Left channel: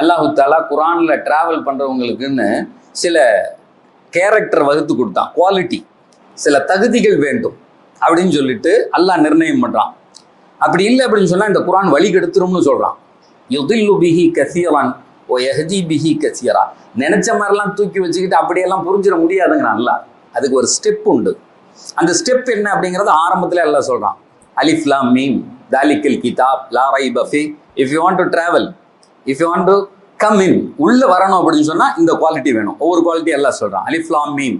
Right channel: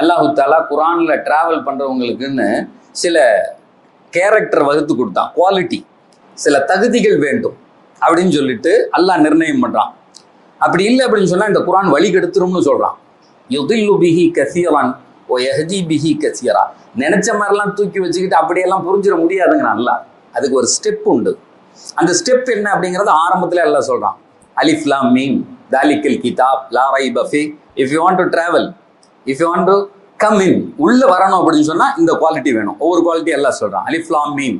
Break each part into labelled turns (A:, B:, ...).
A: அல்லாஹு தாலா குரானில் ட்ராவல் பண்ணுறவங்களுக்குன்னு சில கேரக்டர் வகுத்து கொடுத்தான். குவாலிட்டி சில தகுதிகள் வேண்டும். அப்படின்னு சொல்லிட்டு அல்லாஹ் நிர்ணயம் பண்ணுறான் அப்படி இல்லை அப்படின்னு சொன்னால் இந்த குரான் வழி கெடுத்துரும்னு சொல்கிறான் யுதில்லு பிஹி கசீரான் ஓ எஹதி பிஹி கசீரா. நினச்ச மாதிரிலாம் தூக்கி வச்சுக்கிட்டு அப்படியெல்லாம் புரிஞ்சிட முடியாதுங்கிறான் அல்லாஹ். அதுக்கு ஒரு ஸ்டெப் உண்டு. அந்த ஸ்டெப் என்ன அப்படிங்கிறது ஆரம்பத்தில் எல்லாம் சொல்கிறான் அலிஃப்லாம் மீம். தாலிக்கல் கிதாப். லா ரை puffy if you want to travel if you want to come in உள்ளே வரணும் அப்படின்னு சொன்னால் இந்த குவாலிட்டி வேணும். ஒவ்வொரு குவாலிட்டி எல்லாம் சொல்கிறான் அலிஃப்லாம் மீம்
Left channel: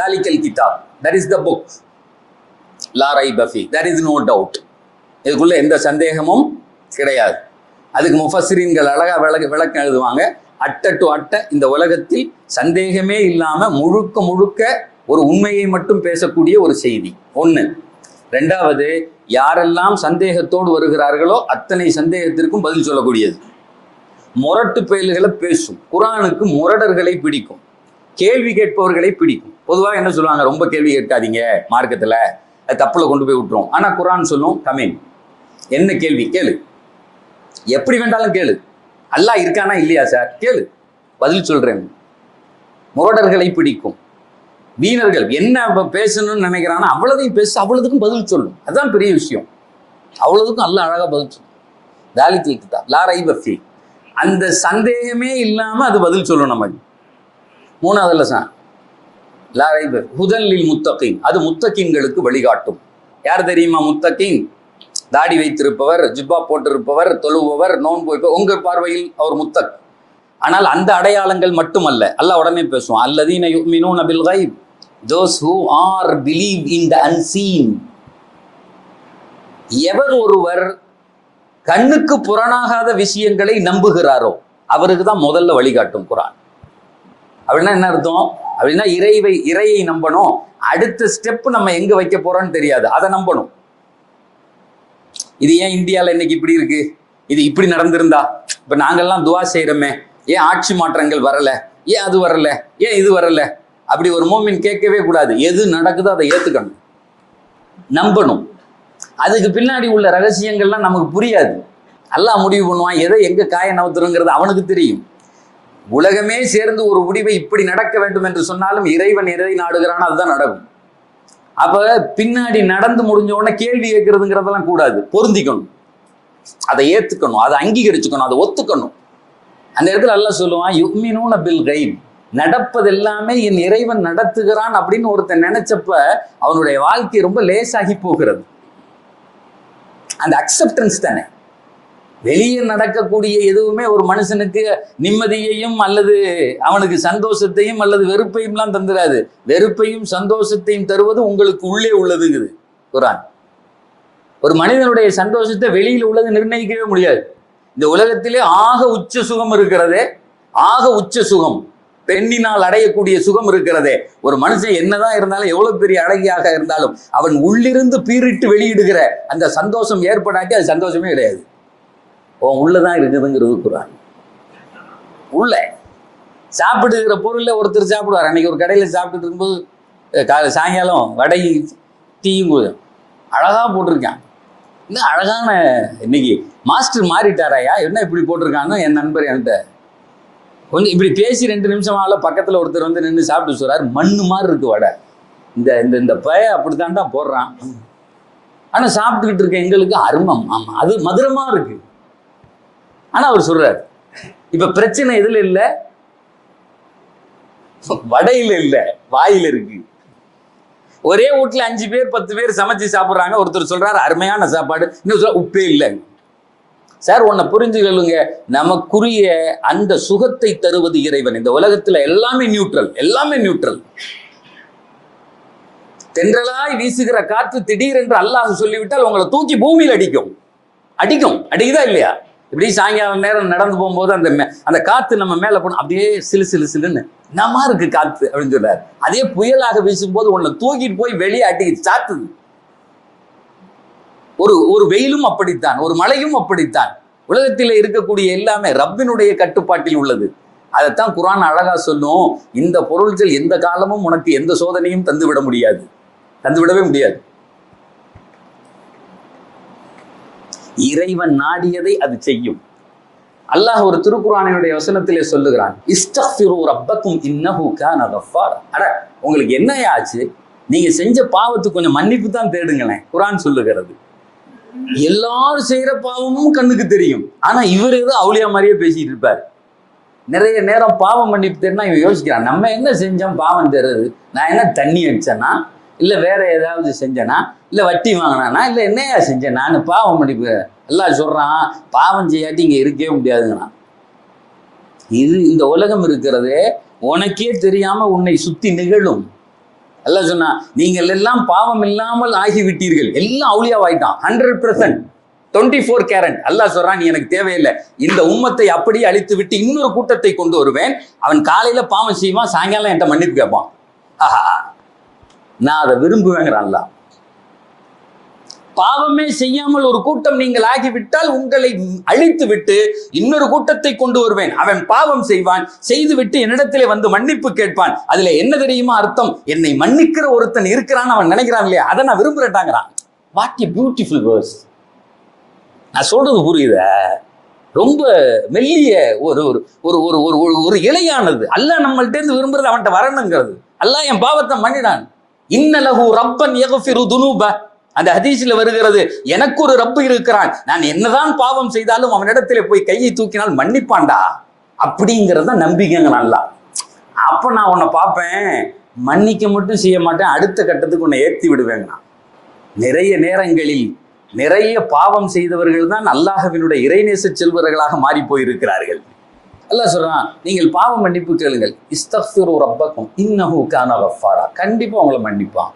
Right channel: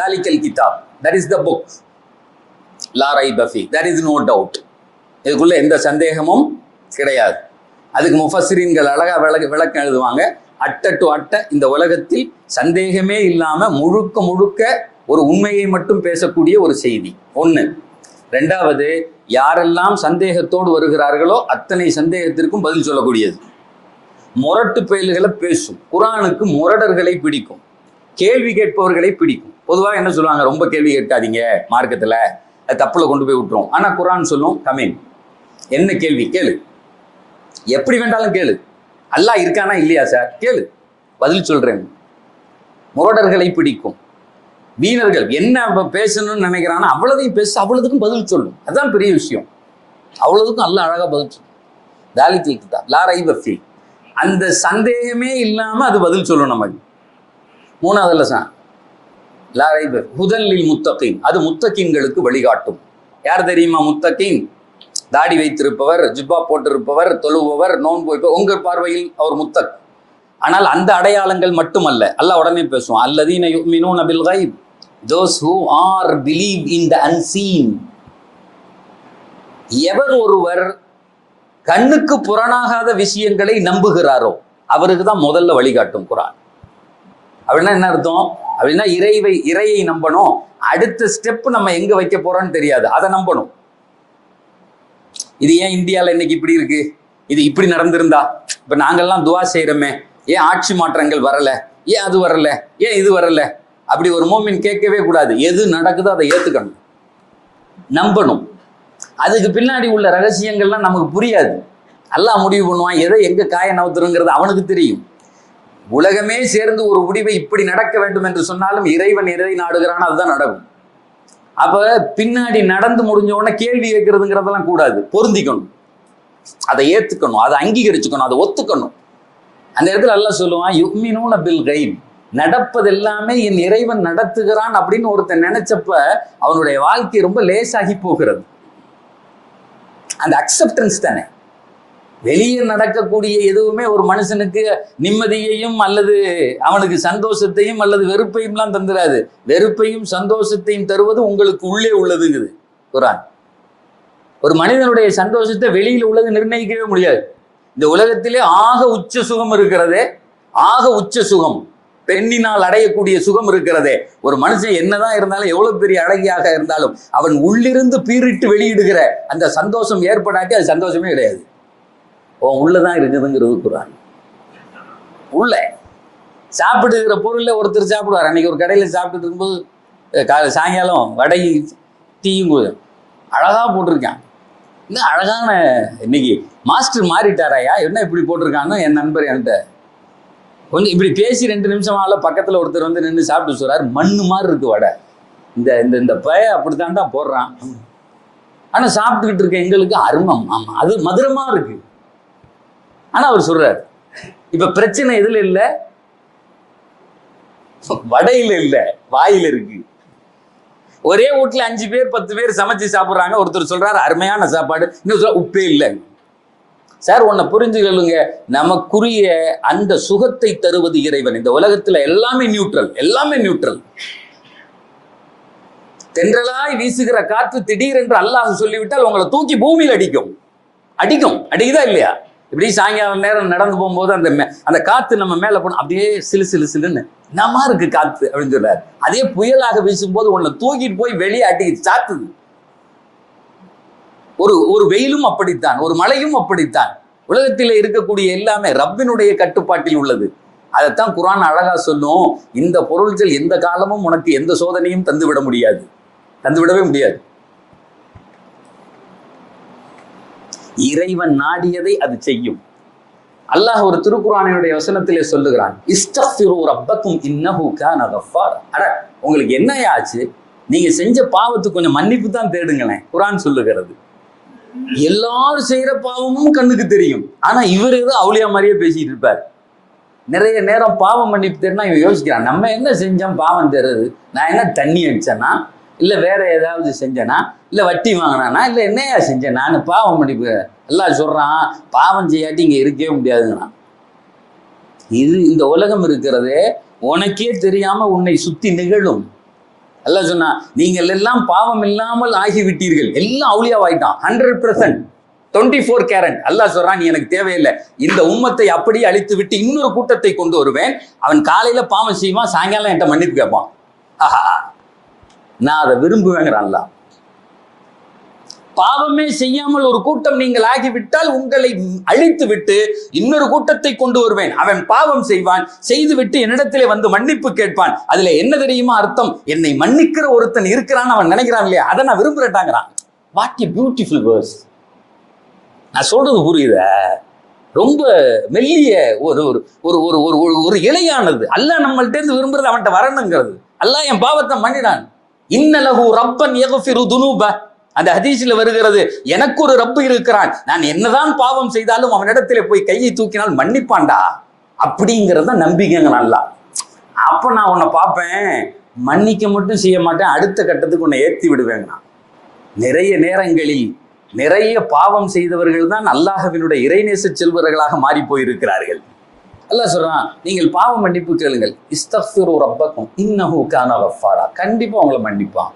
A: தாலிக்கல் கிதாப் தட் இஸ் த புக் லாரை பஃபி தட் இஸ் நோ டவுட் இதுக்குள்ள எந்த சந்தேகமும் கிடையாது. அதுக்கு முஃபஸ்ரீன்கள் அழகா விளக்க விளக்கம் எழுதுவாங்க. அட்ட டு அட்ட இந்த உலகத்தில் சந்தேகமே இல்லாமல் முழுக்க முழுக்க ஒரு உண்மையை மட்டும் பேசக்கூடிய ஒரு செய்தி. ஒன்று ரெண்டாவது யாரெல்லாம் சந்தேகத்தோடு வருகிறார்களோ அத்தனை சந்தேகத்திற்கும் பதில் சொல்லக்கூடியது. முரட்டு பெயல்களை பேசும். குரானுக்கு முரடர்களை பிடிக்கும். கேள்வி கேட்பவர்களை பிடிக்கும். பொதுவாக என்ன சொல்லுவாங்க? ரொம்ப கேள்வி கேட்காதீங்க மார்க்கத்தில். அது தப்பில் கொண்டு போய் விட்டுரும். ஆனால் குரான் சொல்லும் கமேன் என்ன கேள்வி? கேளு. எப்படி வேண்டாலும் கேளு. அல்லா இருக்கானா இல்லையா சார்? கேளு. பதில் சொல்கிறேன் முரடர்களை பிடிக்கும். வீணர்கள் என்ன பேசணும்னு நினைக்கிறானோ அவ்வளோதையும் பேச அவ்வளோதுக்கும் பதில் சொல்லும். அதுதான் பெரிய விஷயம். அவ்வளோதுக்கும் அல்ல அழகாக பதில் சொல்லும். தாலிக்கல் கிதாப் லா ரைப அந்த சந்தேகமே இல்லாமல் அது பதில் சொல்லும் நமக்கு மூணாவதுல சார். லா ரைப ஹுதல்லில் முத்தகீன். அது முத்தகின்களுக்கு வழிகாட்டும். யார் தெரியுமா முத்தகின்? தாடி வைத்திருப்பவர் ஜிப்பா போட்டிருப்பவர் தொழுபவர் நோன்பு வைப்பவர் உங்கள் பார்வையில் அவர் முத்தக். ஆனால் அந்த அடையாளங்கள் மட்டுமல்ல. அல்ல உடனே பேசுவோம் அல்லதீன யுமினூன பில் கைப் those who are believe in the unseen எவர் ஒருவர் கண்ணுக்கு புறணாகாத விஷயங்களை நம்புகிறாரோ அவருக்கு தான் முதல்ல வழிகாட்டும் குரான். அப்படின்னா என்ன அர்த்தம்? அப்படின்னா இறைவை இறையை நம்பணும். அடுத்த ஸ்டெப் நம்ம எங்க வைக்க போறோம்னு தெரியாது. அதை நம்பணும். இது ஏன் இந்தியாவில் இன்னைக்கு இப்படி இருக்கு? இது இப்படி நடந்திருந்தா? இப்போ நாங்கள்லாம் துவா செய்கிறோமே ஏன் ஆட்சி மாற்றங்கள் வரல? ஏன் அது வரல? ஏன் இது வரல? அப்படி ஒரு மோமின் கேட்கவே கூடாது. எது நடக்குதோ அதை ஏற்றுக்கணும் நம்பணும். அதுக்கு பின்னாடி உள்ள ரகசியங்கள்லாம் நமக்கு புரியாது. நல்லா முடிவு பண்ணுவான் எதை எங்கே காய நவுத்துறங்கிறது அவனுக்கு தெரியும். உலகமே சேர்ந்து ஒரு முடிவை இப்படி நடக்க வேண்டும் என்று சொன்னாலும் இறைவன் எதை நாடுகிறான் அதுதான் நடக்கும். அப்ப பின்னாடி நடந்து முடிஞ்ச உடனே கேள்வி கேட்கறதுங்கிறதெல்லாம் கூடாது. பொருந்திக்கணும். அதை ஏத்துக்கணும் அதை அங்கீகரிச்சுக்கணும் அதை ஒத்துக்கணும். அந்த இடத்துல எல்லாம் சொல்லுவான் யுக்மினூன பில் கைப் நடப்பது எல்லாமே என் இறைவன் நடத்துகிறான் அப்படின்னு ஒருத்தன் நினைச்சப்ப அவனுடைய வாழ்க்கை ரொம்ப லேசாகி போகிறது. அந்த அக்செப்டன்ஸ் தானே. வெளியே நடக்கக்கூடிய எதுவுமே ஒரு மனுஷனுக்கு நிம்மதியையும் அல்லது அவனுக்கு சந்தோஷத்தையும் அல்லது வெறுப்பையும்லாம் தந்துடாது வெறுப்பையும் சந்தோஷத்தையும் தருவது உங்களுக்கு உள்ளே உள்ளதுங்குது குரான். ஒரு மனிதனுடைய சந்தோஷத்தை வெளியில் உள்ளது நிர்ணயிக்கவே முடியாது. இந்த உலகத்திலே ஆக உச்ச சுகம் இருக்கிறதே ஆக உச்ச சுகம். பெண்ணினால் அடையக்கூடிய சுகம் இருக்கிறதே. ஒரு மனுஷன் என்னதான் இருந்தாலும் எவ்வளவு பெரிய அழகியாக இருந்தாலும் அவன் உள்ளிருந்து பீரிட்டு வெளியிடுகிற அந்த சந்தோஷம் ஏற்படாட்டி அது சந்தோஷமே கிடையாது. உன் உள்ளதான் இருக்குதுங்கிறது குரான். உள்ள. சாப்பிடுகிற பொருளில் ஒருத்தர் சாப்பிடுவார். அன்னைக்கு ஒரு கடையில் சாப்பிட்டு இருக்கும்போது காலை சாயங்காலம் வடை டீயும் கு- அழகா போட்டிருக்கான். இன்னும் அழகான இன்னைக்கு மாஸ்டர் மாறிட்டாராயா? என்ன இப்படி போட்டிருக்கான்னு என் நண்பர் என்கிட்ட கொஞ்சம் இப்படி பேசி ரெண்டு நிமிஷம் ஆகல பக்கத்தில் ஒருத்தர் வந்து நின்று சாப்பிட்டு சொல்கிறார் மண்ணு மாதிரி இருக்கு வடை. இந்த இந்த இந்த பய தான் போடுறான். ஆனால் சாப்பிட்டுக்கிட்டு இருக்க எங்களுக்கு அருமம். ஆமாம் அது மதுரமாக இருக்கு. ஆனால் அவர் சொல்கிறார் இப்போ பிரச்சனை எதில் இல்லை? வடையில் இல்லை வாயில் இருக்கு. ஒரே வீட்டில் அஞ்சு பேர் பத்து பேர் சமைச்சு சாப்பிட்றாங்க. ஒருத்தர் சொல்கிறார் அருமையான சாப்பாடு. இன்னும் சொல்ல உப்பே இல்லை. சார் உன்னை புரிஞ்சுக்கலுங்க நமக்குரிய அந்த சுகத்தை தருவது இறைவன். இந்த உலகத்துல எல்லாமே நியூட்ரல் எல்லாமே நியூட்ரல் தென்றலாய் வீசுகிற காற்று திடீரென்று அல்லாஹ் சொல்லிவிட்டால் உங்களை தூக்கி பூமியில் அடிக்கும். அடிக்கும். அடிக்குதா இல்லையா? இப்படி சாயங்காலம் நேரம் நடந்து போகும்போது அந்த மே- அந்த காத்து நம்ம மேல போன அப்படியே சிலு சிலு சிலுன்னு. என்னமா இருக்கு காத்து? அப்படின்னு சொல்றாரு. அதே புயலாக வீசும்போது உன்னை தூக்கிட்டு போய் வெளியே அடிக்குது சாத்துது. ஒரு ஒரு வெயிலும் அப்படித்தான் ஒரு மழையும் அப்படித்தான். உலகத்தில் இருக்கக்கூடிய எல்லாமே ரப்பினுடைய கட்டுப்பாட்டில் உள்ளது. அதைத்தான் குரான் அழகா சொல்லும் இந்த பொருள்கள் எந்த காலமும் உனக்கு எந்த சோதனையும் தந்துவிட முடியாது. தந்துவிடவே முடியாது. இறைவன் நாடியதை அது செய்யும். அல்லாஹ் ஒரு திருக்குறானுடைய வசனத்திலே சொல்லுகிறான் இஸ்தஃபிரு ரப்பக்கும் இன்னஹு கான கஃபார். அட உங்களுக்கு என்ன ஆச்சு நீங்க செஞ்ச பாவத்துக்கு கொஞ்சம் மன்னிப்பு தான் தேடுங்களேன் குரான் சொல்லுகிறது. எல்லாரும் செய்யற பாவமும் கண்ணுக்கு தெரியும். ஆனா இவர் ஏதோ அவுளியா மாதிரியே பேசிட்டு இருப்பார். நிறைய நேரம் பாவம் மன்னிப்பு தேடினா இவன் யோசிக்கிறான் நம்ம என்ன செஞ்சோம் பாவம் தெரியுது. நான் என்ன தண்ணி அடிச்சேனா? இல்லை வேற ஏதாவது செஞ்சேனா? இல்லை வட்டி வாங்கினானா? இல்லை என்னையா செஞ்சேன்? நான் பாவம் மன்னிப்பு எல்லாம் சொல்றான் பாவம் செய்யாட்டி இங்கே இருக்கவே முடியாதுங்கண்ணா இது இந்த உலகம் இருக்கிறதே உனக்கே தெரியாம உன்னை சுத்தி நிகழும். எல்லாம் சொன்னா நீங்கள் எல்லாம் பாவம் இல்லாமல் ஆகிவிட்டீர்கள். எல்லாம் அவுளியாவாயிட்டான் hundred percent twenty four guarantee Allah சொல்றான் நீ எனக்கு தேவையில்லை. இந்த உம்மத்தை அப்படியே அழித்து விட்டு இன்னொரு கூட்டத்தை கொண்டு வருவேன். அவன் காலையில பாவம் செய்வான் சாயங்காலம் என்கிட்ட மன்னிப்பு கேட்பான். ஆஹா. நான் அதை விரும்புவேங்கிறான்லாம் பாவமே செய்யாமல் ஒரு கூட்டம் நீங்கள் ஆகிவிட்டால் உங்களை அழித்து விட்டு இன்னொரு கூட்டத்தை கொண்டு வருவேன். அவன் பாவம் செய்வான் செய்துவிட்டு என்னிடத்திலே வந்து மன்னிப்பு கேட்பான். அதுல என்ன தெரியுமா அர்த்தம்? என்னை மன்னிக்கிற ஒருத்தன் இருக்கிறான்னு அவன் நினைக்கிறான் இல்லையா? அதை நான் விரும்புறட்டாங்கிறான் வாட் எ பியூட்டிஃபுல் வேர்ஸ் நான் சொல்றது புரியுதா? ரொம்ப மெல்லிய ஒரு ஒரு ஒரு ஒரு ஒரு ஒரு ஒரு இலையானது. அல்ல நம்மள்ட்ட இருந்து விரும்புறது அவன்கிட்ட வரணுங்கிறது. அல்ல என் பாவத்தை மன்னிடான் இன்னலகு ரப்பன் எகஃபிரு துனூப. அந்த ஹதீஸில் வருகிறது எனக்கு ஒரு ரப்பு இருக்கிறான். நான் என்னதான் பாவம் செய்தாலும் அவனிடத்தில் போய் கையை தூக்கினால் மன்னிப்பான்டா. அப்படிங்கிறத நம்பிக்கைங்க நல்லா. அப்போ நான் உன்னை பார்ப்பேன் மன்னிக்க மட்டும் செய்ய மாட்டேன் அடுத்த கட்டத்துக்கு உன்னை ஏற்றி விடுவேங்க நான். நிறைய நேரங்களில் நிறைய பாவம் செய்தவர்கள் தான் அல்லாஹவினுடைய இறைநேச செல்வர்களாக மாறி போயிருக்கிறார்கள். அல்லாஹ் சொல்றான் நீங்கள் பாவம் மன்னிப்பு கேளுங்கள். இஸ்தஃபிரு ரப்பக்கும் இன்னஹூ கான வஃபாரா கண்டிப்பாக உங்களை மன்னிப்பான்.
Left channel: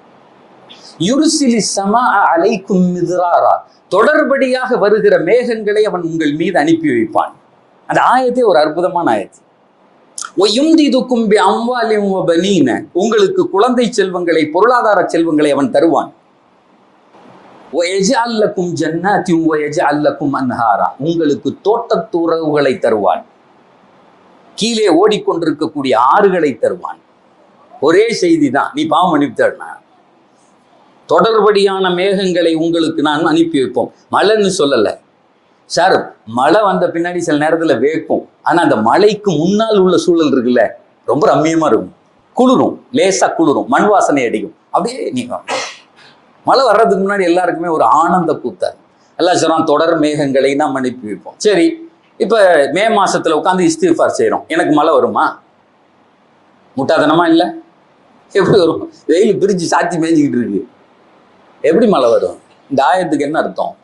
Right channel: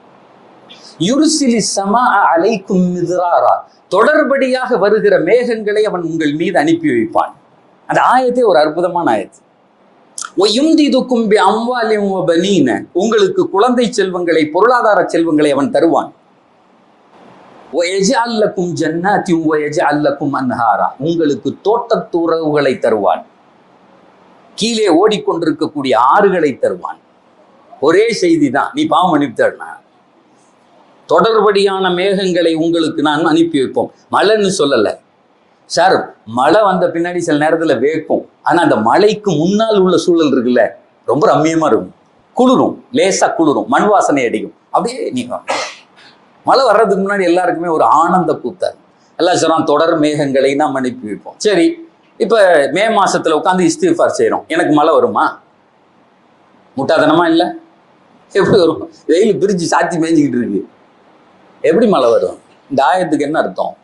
A: யுருசிலி சமா அலைக்கும் மிதிராரா. தொடர்படியாக வருகிற மேகங்களை அவன் உங்கள் மீது அனுப்பி வைப்பான். அந்த ஆயத்தே ஒரு அற்புதமான ஆயத்து. ஒயுந்திதுக்கும் பி அம்வாலிம் பனீன. உங்களுக்கு குழந்தை செல்வங்களை பொருளாதார செல்வங்களை அவன் தருவான். ஒயஜால்லக்கும் ஜன்னாத்தியும் ஒயஜால்லக்கும் அன்ஹாரா. உங்களுக்கு தோட்டத்துறவுகளை தருவான். கீழே ஓடிக்கொண்டிருக்கக்கூடிய ஆறுகளை தருவான். ஒரே செய்தி தான். நீ பாவம் அனுப்பித்தரணும் தொடர்படியான மேகங்களை உங்களுக்கு நான் அனுப்பி வைப்போம். மழைன்னு சொல்லலை. சார் மழை வந்த பின்னாடி சில நேரத்தில் வேக்கும். ஆனால் அந்த மழைக்கு முன்னால் உள்ள சூழல் இருக்குல்ல ரொம்ப ரம்மியமாக இருக்கும். குளிரும் லேசாக குளிரும் மண் வாசனை அடிக்கும். அப்படியே நீங்கள் மழை வர்றதுக்கு முன்னாடி எல்லாருக்குமே ஒரு ஆனந்த கூத்தார் எல்லாம் சொல்கிறான் தொடர் மேகங்களை நாம் அனுப்பி வைப்போம். சரி இப்போ மே மாதத்தில் உட்காந்து இஸ்திஃபார் செய்கிறோம் எனக்கு மழை வருமா? முட்டாதனமா இல்லை? எப்படி வரும்? வெயில் பிரித்து சாத்தி மேய்ஞ்சிக்கிட்டு இருக்கு. எப்படி மழை வரும்? இந்த ஆயத்துக்கு என்ன அர்த்தம்?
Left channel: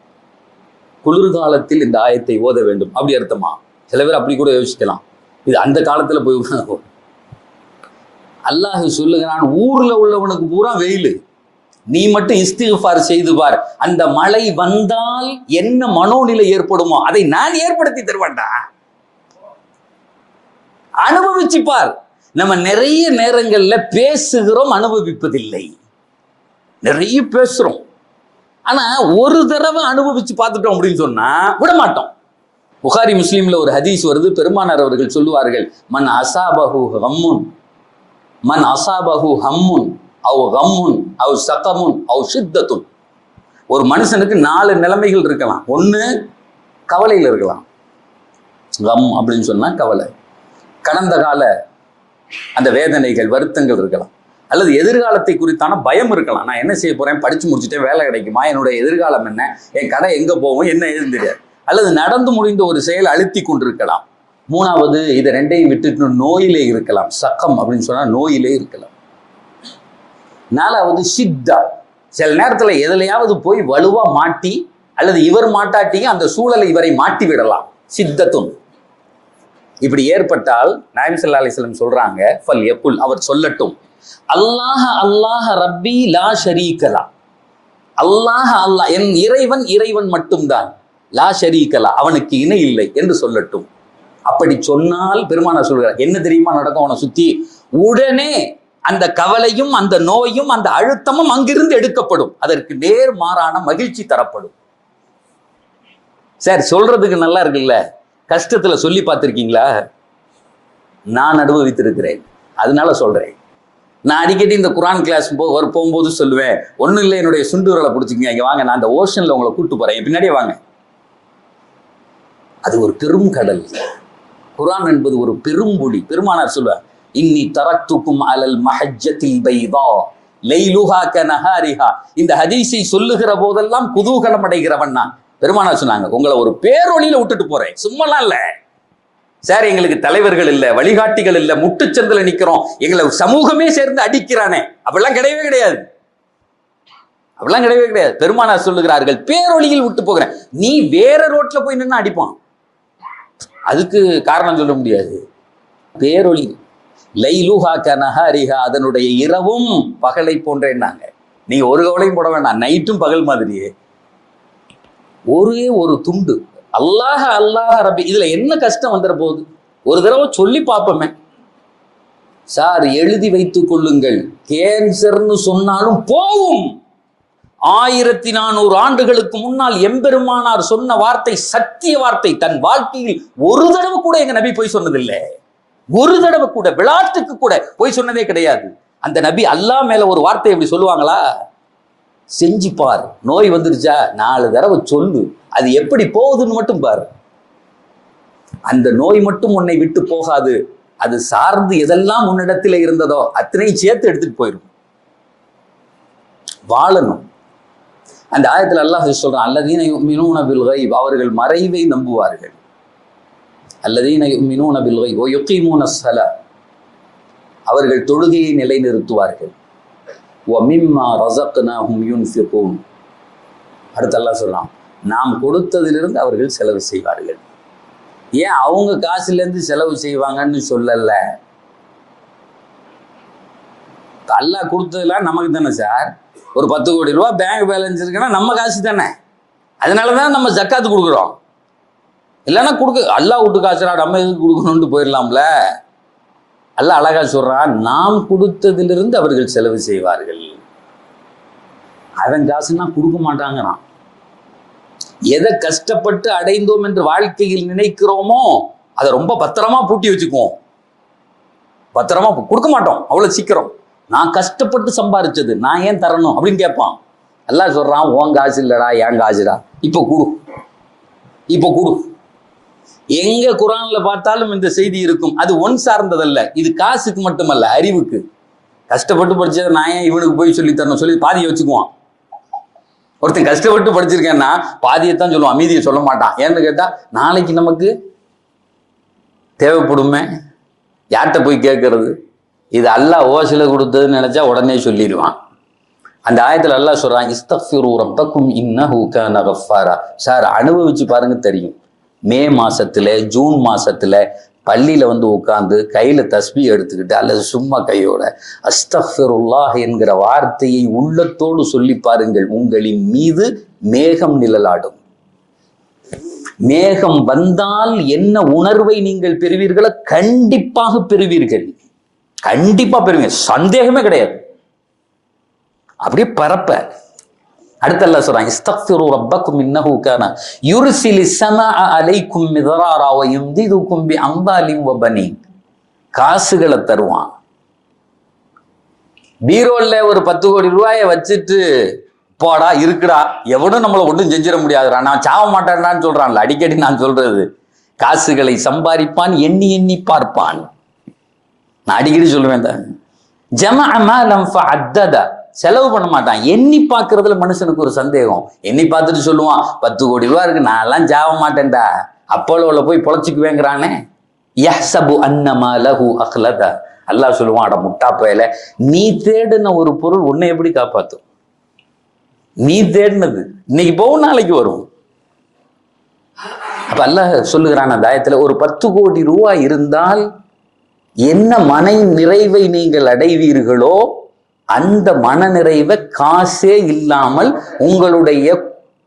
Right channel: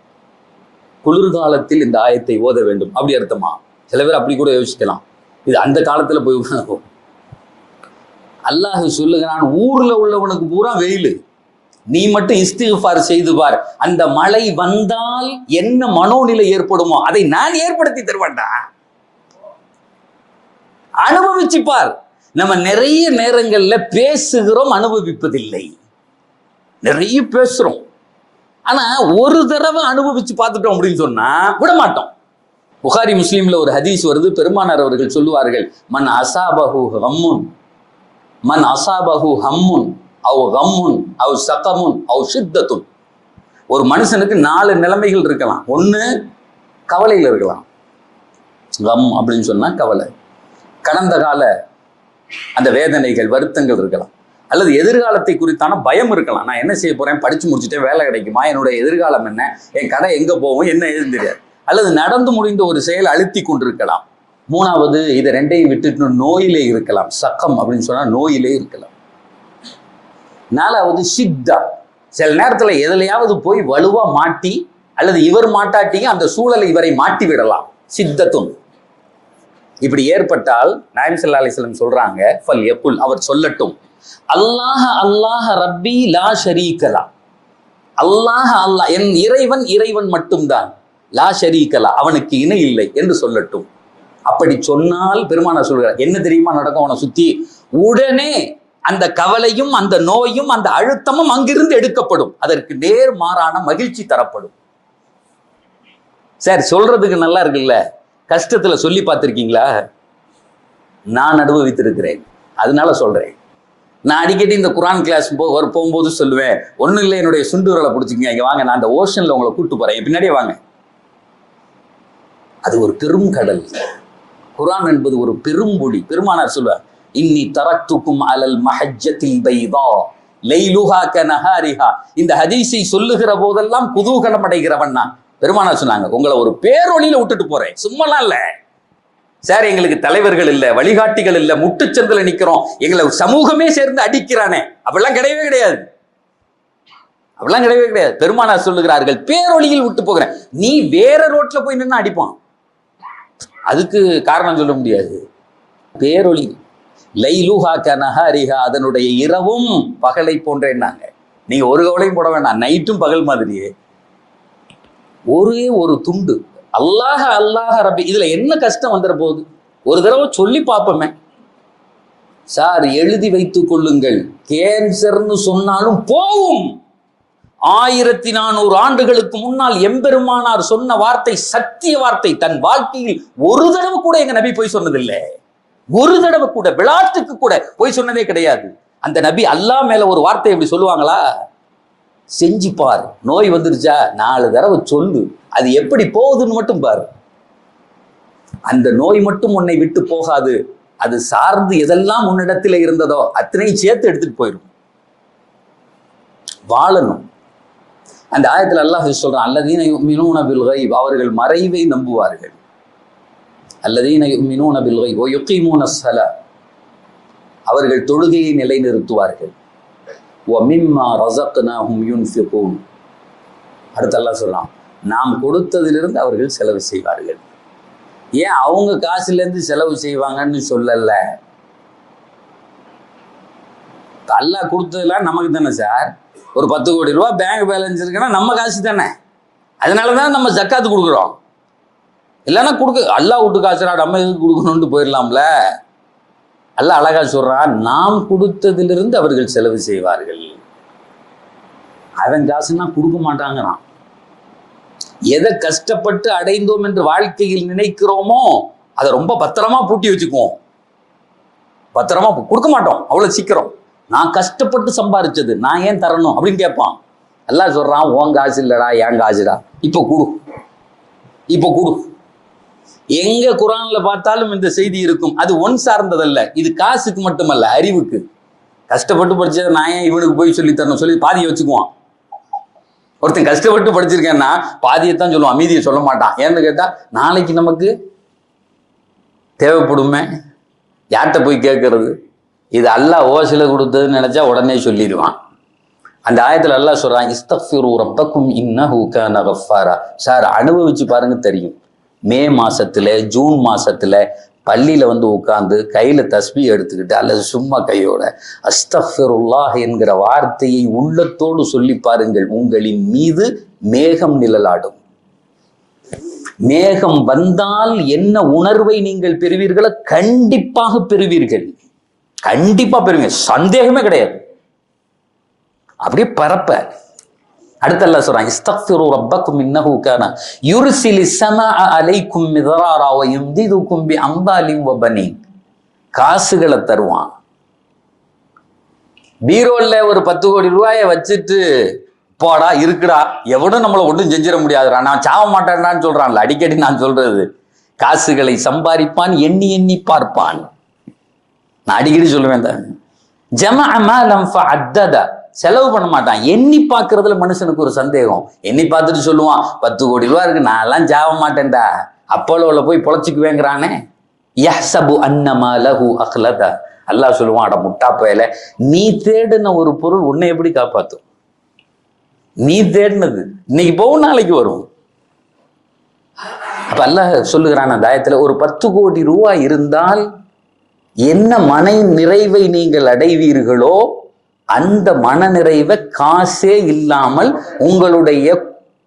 A: குளிர்காலத்தில் இந்த ஆயத்தை ஓத வேண்டும். அப்படி அர்த்தமா? சில பேர் அப்படி கூட யோசிக்கலாம். இது அந்த காலத்துல போய் அல்லாஹ் சொல்லுகிறான் ஊர்ல உள்ளவனுக்கு பூரா வெயில். நீ மட்டும் இஸ்திஃபார் செய்து பார். அந்த மழை வந்தால் என்ன மனோநிலை ஏற்படுமோ அதை நான் ஏற்படுத்தி தருவேன்டா. அனுபவிச்சு பார் நம்ம நிறைய நேரங்களில் பேசுகிறோம் அனுபவிப்பதில்லை. நிறைய பேசுகிறோம் ஆனால் ஒரு தடவை அனுபவித்து பார்த்துட்டோம் அப்படின்னு சொன்னால் விட மாட்டோம் புகாரி முஸ்லீமில் ஒரு ஹதீஸ் வருது பெருமானார் அவர்கள் சொல்லுவார்கள் மன் அசாபஹு ஹம்முன் மன் அசாபஹு ஹம்முன் அவ் ஹம்முன் அவ் சகமுன். அவ் சித்தத்துன் ஒரு மனுஷனுக்கு நாலு நிலைமைகள் இருக்கலாம். ஒன்று கவலையில் இருக்கலாம். கம் அப்படின்னு சொன்னால் கவலை. கடந்த கால அந்த வேதனைகள் வருத்தங்கள் இருக்கலாம். அல்லது எதிர்காலத்தை குறித்தான பயம் இருக்கலாம். நான் என்ன செய்ய போறேன்? படிச்சு முடிச்சுட்டேன் வேலை கிடைக்குமா? என்னுடைய எதிர்காலம் என்ன? என் கடை எங்க போகும்? என்ன ஏதுன்னு தெரியாது. அல்லது நடந்து முடிந்த ஒரு செயல் அழுத்தி கொண்டிருக்கலாம். மூணாவது இதை ரெண்டையும் விட்டுட்டு நோயிலே இருக்கலாம். சக்கம் அப்படின்னு சொன்னா நோயிலே இருக்கலாம். நாலாவது சித்தா. சில நேரத்தில் எதுலையாவது போய் வலுவா மாட்டி அல்லது இவர் மாட்டாட்டியும் அந்த சூழலை இவரை மாட்டி விடலாம். சித்தத்தும் இப்படி ஏற்பட்டால் நாயம் சல்லா அலிஸ்லம் சொல்றாங்க ஃபல் எப்புல் அவர் சொல்லட்டும். அல்லாஹ அல்லாஹ ரப்பி லா ஷரீகலா அல்லாஹ அல்லாஹ் என் இறைவன் இறைவன் மட்டும்தான். லா ஷரீகலா அவனுக்கு இணை இல்லை என்று சொல்லட்டும். அப்படி சொன்னால் பெருமானார் சொல்கிறார் என்ன தெரியுமா நடக்கும்? அவனை சுத்தி உடனே அந்த கவலையும் அந்த நோயும் அந்த அழுத்தமும் அங்கிருந்து எடுக்கப்படும். அதற்கு நேர் மாறான மகிழ்ச்சி தரப்படும். சார் சொல்றதுக்கு நல்லா இருக்குல்ல? கஷ்டத்துல சொல்லி பார்த்துருக்கீங்களா? நான் அனுபவித்திருக்கிறேன். அதனால சொல்றேன். நான் அடிக்கடி இந்த குரான் கிளாஸ் போ போகும்போது சொல்லுவேன் ஒன்றும் இல்லை என்னுடைய சுண்டு பிடிச்சிக்கங்க. இங்கே வாங்க நான் அந்த ஓஷனில் உங்களை கூப்பிட்டு போகிறேன் பின்னாடியே வாங்க. அது ஒரு பெரும் கடல். குரான் என்பது ஒரு பெரும்பொடி பெருமானார் சொல்வார் இன்னி தரத்துக்கும் அலல் மஹஜத்தில் பைதா லைலுஹா கனஹாரிஹா இந்த ஹதீஸை சொல்லுகிற போதெல்லாம் குதூகலம் அடைகிறவன் நான். பெருமானார் சொன்னாங்க உங்களை ஒரு பேரொழியில விட்டுட்டு போறேன். சும்மாலாம் இல்லை. சார் எங்களுக்கு தலைவர்கள் இல்லை வழிகாட்டிகள் இல்லை முட்டுச்சந்தில் நிற்கிறோம் எங்களை சமூகமே சேர்ந்து அடிக்கிறானே. அப்படிலாம் கிடையவே கிடையாது. அப்படிலாம் கிடையவே கிடையாது. பெருமானார் சொல்லுகிறார்கள் பேரொழியில் விட்டு போகிறேன். நீ வேற ரோட்ல போய் நின்று அடிப்பான். அதுக்கு காரணம் சொல்ல முடியாது. பேரொழி லைலுஹா கனஹாரிஹா அதனுடைய இரவும் பகலை போன்றேன்னாங்க. நீ ஒரு கவலையும் போட வேண்டாம் நைட்டும் பகல் மாதிரியே. ஒரே ஒரு துண்டு. அல்லாஹ அல்லாஹ ரபி. இதுல என்ன கஷ்டம் வந்துட போகுது ஒரு தடவை சொல்லி பார்ப்போமே. சார் எழுதி வைத்துக் கொள்ளுங்கள். கேன்சர்னு சொன்னாலும் போகும். ஆயிரத்தி நானூறு ஆண்டுகளுக்கு முன்னால் எம்பெருமானார் சொன்ன வார்த்தை சத்திய வார்த்தை. தன் வாழ்க்கையில் ஒரு தடவை கூட எங்க நபி போய் சொன்னதில்லை. ஒரு தடவை கூட விளாட்டுக்கு கூட போய் சொன்னதே கிடையாது. அந்த நபி அல்லாஹ் மேல ஒரு வார்த்தை எப்படி சொல்லுவாங்களா? செஞ்சு பார் நோய் வந்துருச்சா? நாலு தடவை சொல்லு. அது எப்படி போகுதுன்னு மட்டும் பாரு. அந்த நோய் மட்டும் உன்னை விட்டு போகாது. அது சார்ந்து எதெல்லாம் உன்னிடத்தில் இருந்ததோ அத்தனையும் சேர்த்து எடுத்துட்டு போயிடும் வாழணும். அந்த ஆயத்தில் அல்லாஹ் சொல்றான் அல்லதீன மினூன பில் அவர்கள் மறைவை நம்புவார்கள். அல்லதீன மினூன பில்கை ஓ யுகீமூன சல அவர்கள் தொழுகையை நிலைநிறுத்துவார்கள். வ மிம்மா ரஸக்னாஹும் யூன் அடுத்து அல்லாஹ் சொல்றான் நாம் கொடுத்ததிலிருந்து அவர்கள் செலவு செய்வார்கள். ஏன் அவங்க காசுலேருந்து செலவு செய்வாங்கன்னு சொல்லல? அல்லாஹ் கொடுத்ததெல்லாம் நமக்கு தானே சார். ஒரு பத்து கோடி ரூபா பேங்க் பேலன்ஸ் இருக்குன்னா நம்ம காசு தானே. அதனால தான் நம்ம ஜக்காத்து கொடுக்குறோம். இல்லைன்னா கொடுக்க அல்லா விட்டு காசுடா நம்ம எதுக்கு கொடுக்கணும்னு போயிடலாம்ல? அல்லாஹ் அழகா சொல்றான் நாம் கொடுத்ததிலிருந்து அவர்கள் செலவு செய்வார்கள். அவன் காசுன்னா கொடுக்க மாட்டாங்கிறான். எதை கஷ்டப்பட்டு அடைந்தோம் என்று வாழ்க்கையில் நினைக்கிறோமோ அதை ரொம்ப பத்திரமா பூட்டி வச்சுக்குவோம். பத்திரமா கொடுக்க மாட்டோம் அவ்வளவு சீக்கிரம். நான் கஷ்டப்பட்டு சம்பாரிச்சது நான் ஏன் தரணும் அப்படின்னு கேட்பான். எல்லாம் சொல்றான் உன் காசு இல்லடா என் காசுடா. இப்போ கொடு. இப்போ கொடு. எங்க குரான்ல பார்த்தாலும் இந்த செய்தி இருக்கும். அது ஒன் சார்ந்ததல்ல. இது காசுக்கு மட்டுமல்ல அறிவுக்கு. கஷ்டப்பட்டு படிச்சதை நான் ஏன் இவனுக்கு போய் சொல்லி தரணும்? சொல்லி பாதியை வச்சுக்குவான். ஒருத்தன் கஷ்டப்பட்டு படிச்சிருக்கேன்னா பாதியை தான் சொல்லுவான் மீதியை சொல்ல மாட்டான். ஏன்னு கேட்டா நாளைக்கு நமக்கு தேவைப்படுமே? யார்கிட்ட போய் கேட்கறது? இது அல்லாஹ் ஓசில கொடுத்ததுன்னு நினைச்சா உடனே சொல்லிடுவான். அந்த ஆயத்துல அல்லாஹ் சொல்றான் இஸ்தஃபிரு ரப்பக்கும் இன்னஹு கான கஃபாரா சார் அனுபவிச்சு பாருங்க தெரியும். மே மாசத்துல ஜூன் மாசத்துல பள்ளியில் வந்து உட்காந்து கையில் தஸ்பி எடுத்துக்கிட்டு அல்லது சும்மா கையோட அஸ்தஃபிருல்லாஹ் என்கிற வார்த்தையை உள்ளத்தோடு சொல்லி பாருங்கள். உங்களின் மீது மேகம் நிழலாடும். மேகம் வந்தால் என்ன உணர்வை நீங்கள் பெறுவீர்களோ கண்டிப்பாக பெறுவீர்கள். கண்டிப்பாக பெறுவீங்க. சந்தேகமே கிடையாது. அப்படியே பரப்ப. அடுத்த அல்லாஹ் சொல்றான் இஸ்தக்ஃபிரு ரப்பக்கும் இன்னஹு கான யுர்சிலி ஸமாஅ அலைக்கும் மிதராரா வ யும்திதுக்கும் பி அம்வாலின் வ பனீன். காசுகளை தருவான். பீரோல்ல ஒரு பத்து கோடி ரூபாயை வச்சுட்டு போடா இருக்குடா. எவனும் நம்மளை ஒன்றும் செஞ்சிட முடியாதுடா. நான் சாவ மாட்டேன்டான்னு சொல்றான்ல. அடிக்கடி நான் சொல்றது காசுகளை சம்பாதிப்பான் எண்ணி எண்ணி பார்ப்பான். நான் அடிக்கடி சொல்லுவேன் தான் ஜம அமாலம் அத்ததா செலவு பண்ண மாட்டான். எண்ணி பார்க்கறதுல மனுஷனுக்கு ஒரு சந்தேகம். எண்ணி பார்த்துட்டு சொல்லுவான் பத்து கோடி ரூபா இருக்கு நான் எல்லாம் ஜாவ மாட்டேன்டா. அப்போலோவில் போய் பொழைச்சிக்குவேங்கிறானே. யஹ்சபு அன்னமா லஹு அஹ்லதா. அல்லாஹ் சொல்லுவான் அட முட்டா பயல நீ தேடின ஒரு பொருள் உன்னை எப்படி காப்பாத்தும்? நீ தேடினது இன்னைக்கு போகும் நாளைக்கு வரும். அப்ப அல்லாஹ் சொல்லுகிறான் அந்த ஆயத்துல ஒரு பத்து கோடி ரூபாய் இருந்தால் என்ன மனை நிறைவை நீங்கள் அடைவீர்களோ அந்த மன நிறைவை காசே இல்லாமல் உங்களுடைய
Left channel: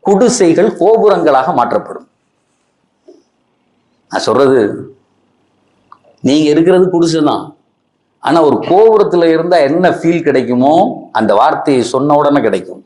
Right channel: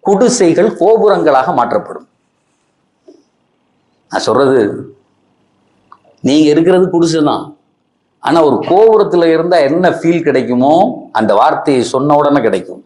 A: குடிசைகள் கோபுரங்களாக மாற்றப்படும். நான் சொல்றது நீங்க இருக்கிறது குடிசை தான் ஆனா ஒரு கோபுரத்துல இருந்தா என்ன ஃபீல் கிடைக்குமோ அந்த வார்த்தையை சொன்ன உடனே கிடைக்கும்.